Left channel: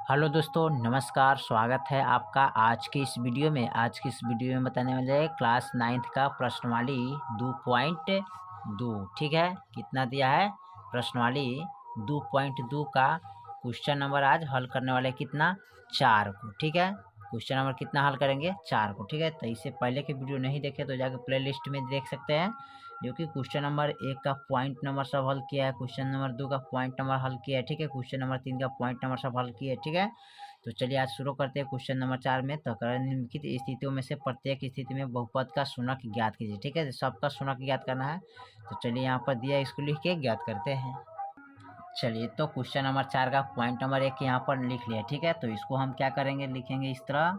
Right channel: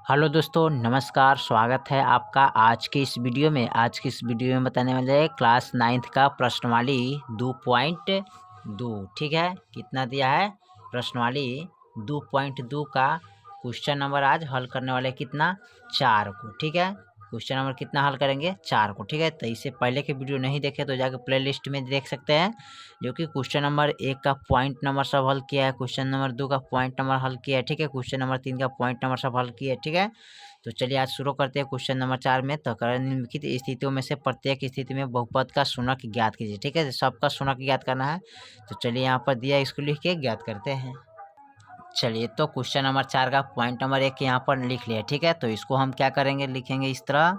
Hello दोस्तों, नमस्कार। स्वागत है आपका आज की इस वीडियो में बताने वाले हैं क्लास 9th का प्रश्नवाली 2.2। ठीक है, कितना दिया है प्रश्नवाली 2.2 का क्वेश्चन नंबर आज हल करने वाले कितना 4 को। ठीक है, क्वेश्चन नंबर कितना हल करेंगे 4 को। ठीक है, तो इससे पहले के वीडियो नहीं देखे तो जाकर प्ले लिस्ट में देख सकते हैं, जो कि क्वेश्चन नंबर 1 का पॉइंट नंबर सब हल किया है, क्वेश्चन नंबर 2 का पॉइंट नंबर हल किया है। ठीक है, क्वेश्चन नंबर 3 का पॉइंट नंबर सब हल किया है। ठीक है, तो चलिए आज शुरू करते हैं क्वेश्चन नंबर 4 में। तो निम्नलिखित स्थितियों में से प्रत्येक स्थिति में बहुपद का शून्यक ज्ञात कीजिए। ठीक है, सबका शून्यक ज्ञात करना है। तो चलिए यहाँ पर दिया, इसको लिख के ज्ञात करते हैं। चलिए, तो क्वेश्चन नंबर 4 का पॉइंट नंबर 1 यहाँ पर लिख लिया। ठीक है, तो इसको हम क्या करेंगे, लिखेंगे इस तरह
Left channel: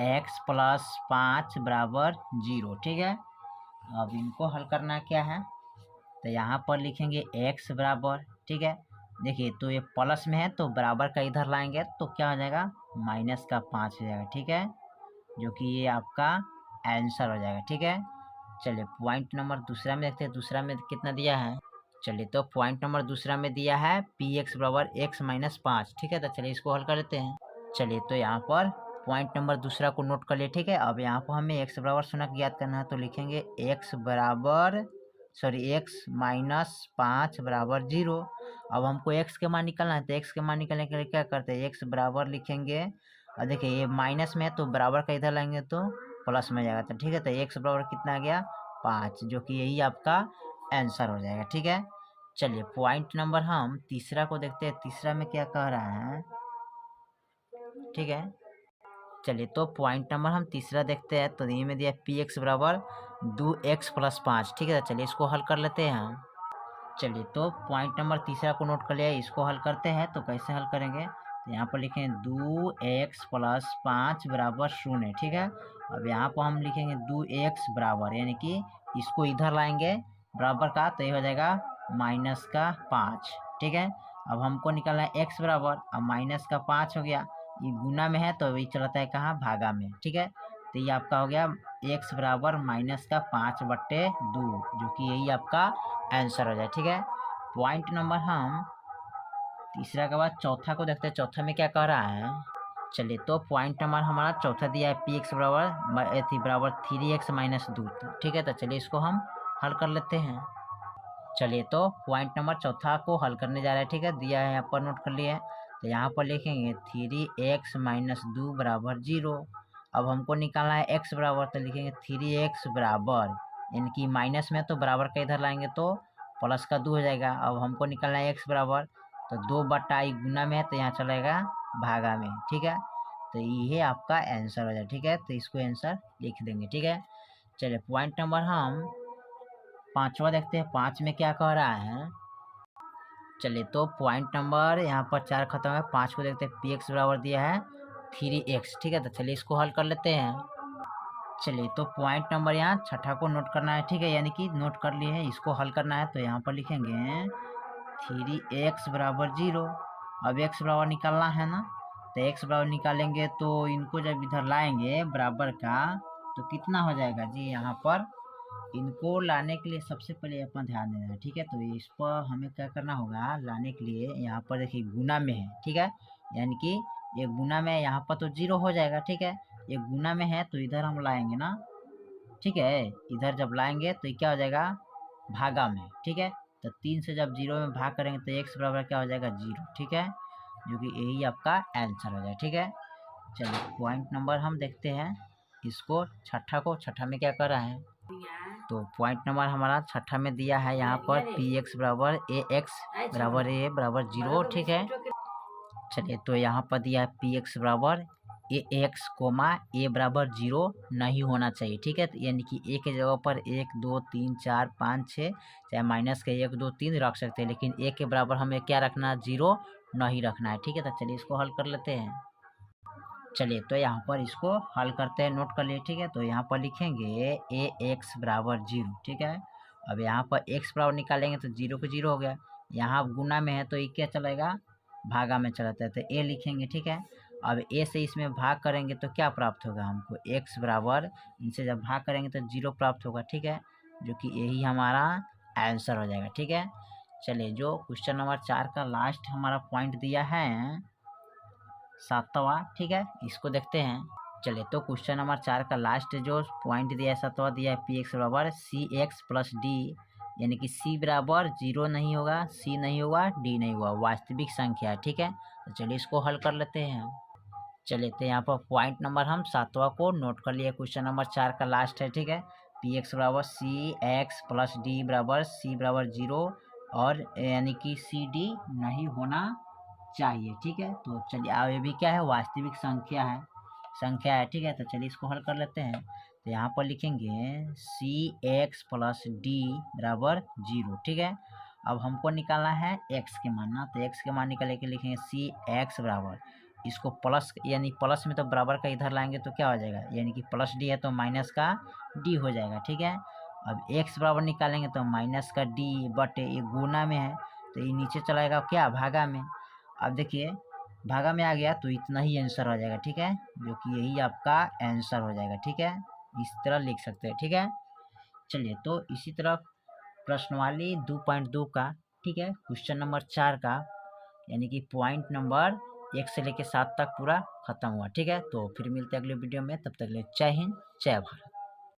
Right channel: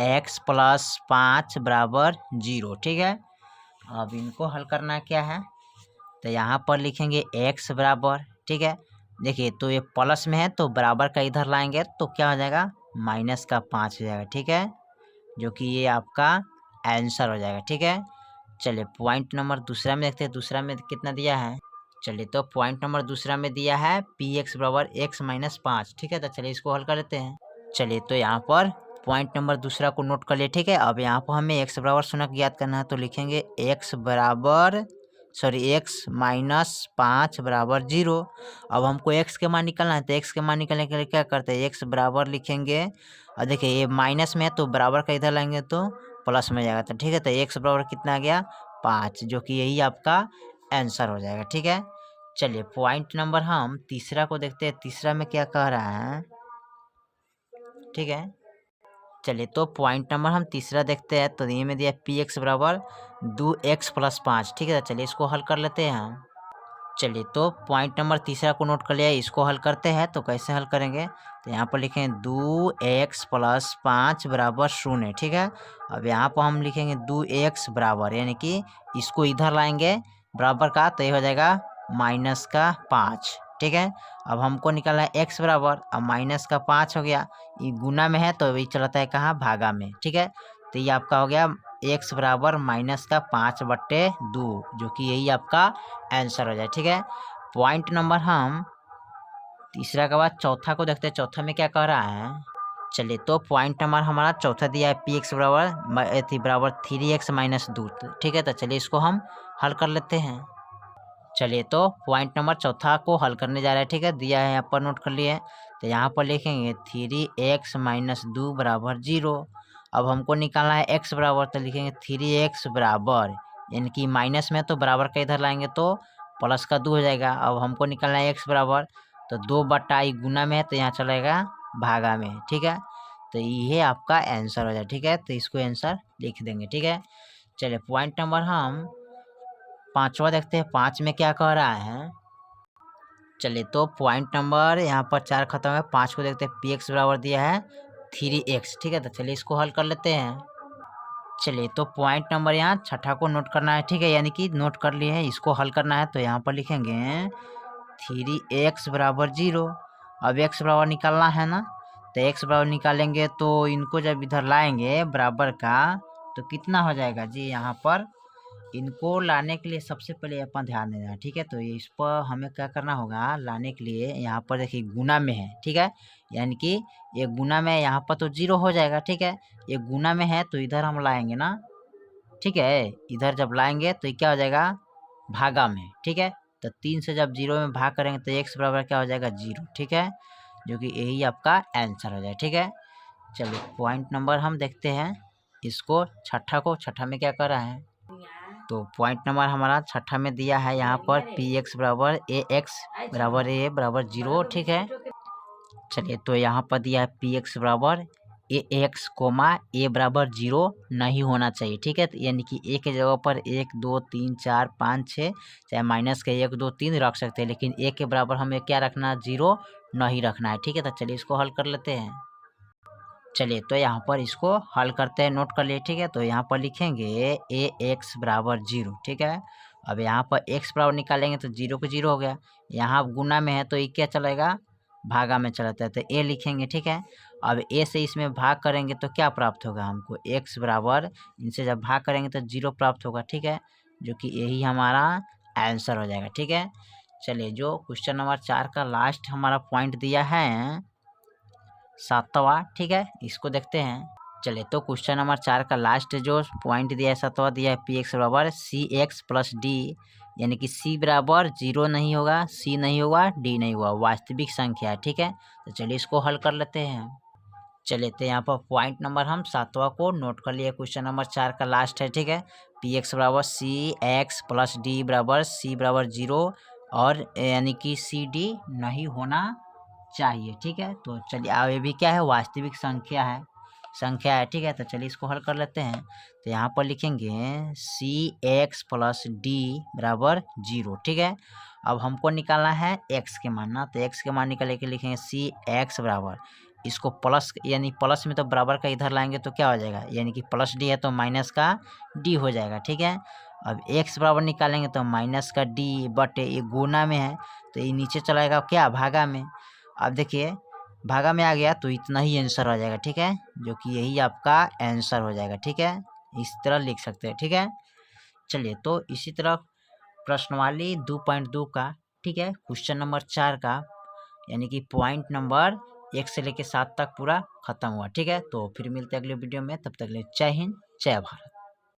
x + 5 = 0। ठीक है, अब इनको हल करना क्या है, तो यहाँ पर लिखेंगे x बराबर। ठीक है, देखिए तो ये प्लस में है तो बराबर का इधर लाएंगे तो क्या हो जाएगा, -5 हो जाएगा। ठीक है, जो कि ये आपका आंसर हो जाएगा। ठीक है, चलिए पॉइंट नंबर दूसरा में देखते हैं, दूसरा में कितना दिया है। चलिए, तो पॉइंट नंबर दूसरा में दिया है px = x - 5। ठीक है, तो चलिए इसको हल कर लेते हैं। चलिए, तो यहाँ पर पॉइंट नंबर दूसरा को नोट कर लिए। ठीक है, अब यहाँ पर हमें x बराबर शून्य ज्ञात करना है, तो लिखेंगे x - 5 = 0। अब हमको x के मान निकालना है, तो x के मान निकालने के लिए क्या करते हैं, x बराबर लिखेंगे। और देखिए ये माइनस में है तो बराबर का इधर लाएंगे तो प्लस में जाएगा। तो ठीक है, तो x बराबर कितना आ गया 5, जो कि यही आपका आंसर हो जाएगा। ठीक है, चलिए पॉइंट नंबर हम तीसरा को देखते हैं, तीसरा में क्या कह रहा है। ठीक है, चलिए तो पॉइंट नंबर हम तीसरा देखते हैं, तो ये में दिया px = 2x + 5। ठीक है, तो चलिए इसको हल कर लेते हैं। चलिए, तो पॉइंट नंबर तीसरा को नोट कर लिया, इसको हल करते हैं। तो कैसे हल करेंगे, तो यहाँ पर लिखें 2x + 5 = 0। ठीक है, अब यहाँ पर हम लिखेंगे 2x बराबर, यानी कि इसको इधर लाएंगे बराबर का, तो ये हो जाएगा -5। ठीक है, अब हमको निकालना है x बराबर, अब -5 हो गया, ये गुना में है तो ये चलता है कहाँ, भागा में। ठीक है, तो ये आपका हो गया x बराबर -5/2, जो कि यही आपका आंसर हो जाए। ठीक है, पॉइंट नंबर हम तीसरा के बाद चौथा को देखते हैं, चौथा में क्या कह रहा है। चलिए, तो पॉइंट नंबर हमारा चौथा दिया है px बराबर 3x - 2। ठीक है, तो चलिए इसको हम हल कर लेते हैं। चलिए, तो पॉइंट नंबर चौथा को हल करने जा रहे हैं। ठीक है, दिया है यहाँ पर, नोट कर लिए। तो यहाँ पर लिखेंगे 3x - 2 = 0। अब हमको निकालना है x बराबर, तो लिखेंगे 3x बराबर, यानी कि माइनस में तो बराबर का इधर लाएंगे तो प्लस का 2 हो जाएगा। अब हमको निकालना है x बराबर, तो 2/, गुना में है तो यहाँ चलेगा भागा में। ठीक है, तो ये आपका आंसर हो जाए। ठीक है, तो इसको आंसर लिख देंगे। ठीक है, चलिए पॉइंट नंबर हम पांचवा देखते हैं, 5 में क्या कह रहा है। चलिए, तो पॉइंट नंबर यहाँ पर 4 खत्म है, 5 को देखते हैं, px बराबर दिया है 3x। ठीक है, तो चलिए इसको हल कर लेते हैं। चलिए, तो पॉइंट नंबर यहाँ छठा को नोट करना है। ठीक है, यानी कि नोट कर लिए हैं, इसको हल करना है। तो यहाँ पर लिखेंगे 3x = 0। अब x बराबर निकालना है ना, तो x बराबर निकालेंगे तो इनको जब इधर लाएंगे बराबर का, तो कितना हो जाएगा जी, यहाँ पर इनको लाने के लिए सबसे पहले अपन ध्यान देना है। ठीक है, तो इस पर हमें क्या करना होगा, लाने के लिए यहाँ पर देखिए गुना में है। ठीक है, यानी कि ये गुना में, यहाँ पर तो 0 हो जाएगा। ठीक है, ये गुना में है तो इधर हम लाएंगे ना। ठीक है, इधर जब लाएंगे तो ये क्या हो जाएगा, भागा में। ठीक है, तो 3 से जब 0 में भाग करेंगे तो x बराबर क्या हो जाएगा, 0। ठीक है, जो कि यही आपका आंसर हो जाए। ठीक है, चलिए पॉइंट नंबर हम देखते हैं, इसको छठा में क्या कर रहा है। तो पॉइंट नंबर हमारा छठा में दिया है यहाँ पर px बराबर ax बराबर a बराबर 0। ठीक है, चलिए तो यहाँ पर दिया है px बराबर ax, a बराबर 0 नहीं होना चाहिए। ठीक है, यानी कि a के जगह पर 1 2 3 4 5 6, चाहे माइनस के 1 2 3 रख सकते हैं, लेकिन a के बराबर हमें क्या रखना है, 0 नहीं रखना है। ठीक है, तो चलिए इसको हल कर लेते हैं। चलिए, तो यहाँ पर इसको हल करते हैं, नोट कर लिए। ठीक है, तो यहाँ पर लिखेंगे ax बराबर 0। ठीक है, अब यहाँ पर x बराबर निकालेंगे तो 0 को 0 हो गया, यहाँ गुना में है तो ये क्या चलेगा, भागा में चलाता है, तो a लिखेंगे। ठीक है, अब a से इसमें भाग करेंगे तो क्या प्राप्त होगा हमको, x बराबर, इनसे जब भाग करेंगे तो 0 प्राप्त होगा। ठीक है, जो कि यही हमारा आंसर हो जाएगा। ठीक है, चलिए जो क्वेश्चन नंबर 4 का लास्ट हमारा पॉइंट दिया है, 7वां, ठीक है। इसको देखते हैं। चलिए तो क्वेश्चन नंबर 4 का लास्ट जो पॉइंट दिया है 7वां दिया है पी एक्स बराबर सी एक्स प्लस डी, यानी कि सी बराबर 0 नहीं होगा, सी नहीं होगा, डी नहीं होगा, वास्तविक संख्या है, ठीक है। तो चलिए इसको हल कर लेते हैं। चलिए तो यहाँ पर पॉइंट नंबर हम 7वां को नोट कर लिए। क्वेश्चन नंबर 4 का लास्ट है, ठीक है। पी एक्स बराबर सी एक्स प्लस डी बराबर सी बराबर 0 और यानी कि सी डी नहीं होना चाहिए, ठीक है। तो चलिए अब ये भी क्या है, वास्तविक संख्या है, ठीक है। तो चलिए इसको हल कर लेते हैं। तो यहाँ पर लिखेंगे सी एक्स प्लस डी बराबर 0, ठीक है। अब हमको निकालना है एक्स के मान ना, तो एक्स के मान निकाल के लिखेंगे सी एक्स बराबर, इसको प्लस यानी प्लस में तो बराबर का इधर लाएंगे तो क्या हो जाएगा, यानी कि प्लस डी है तो माइनस का डी हो जाएगा, ठीक है। अब एक्स बराबर निकालेंगे तो माइनस का डी बटे ये गुना में है तो ये नीचे चलाएगा क्या, भागा में। अब देखिए भागा में आ गया तो इतना ही आंसर हो जाएगा, ठीक है, जो कि यही आपका आंसर हो जाएगा, ठीक है। इस तरह लिख सकते हैं, ठीक है। चलिए तो इसी तरह प्रश्नवाली 2.2 का, ठीक है, क्वेश्चन नंबर 4 का, यानी कि पॉइंट नंबर 1 से लेकर 7 तक पूरा खत्म हुआ, ठीक है। तो फिर मिलते हैं अगले वीडियो में, तब तक के लिए जय हिंद जय भारत।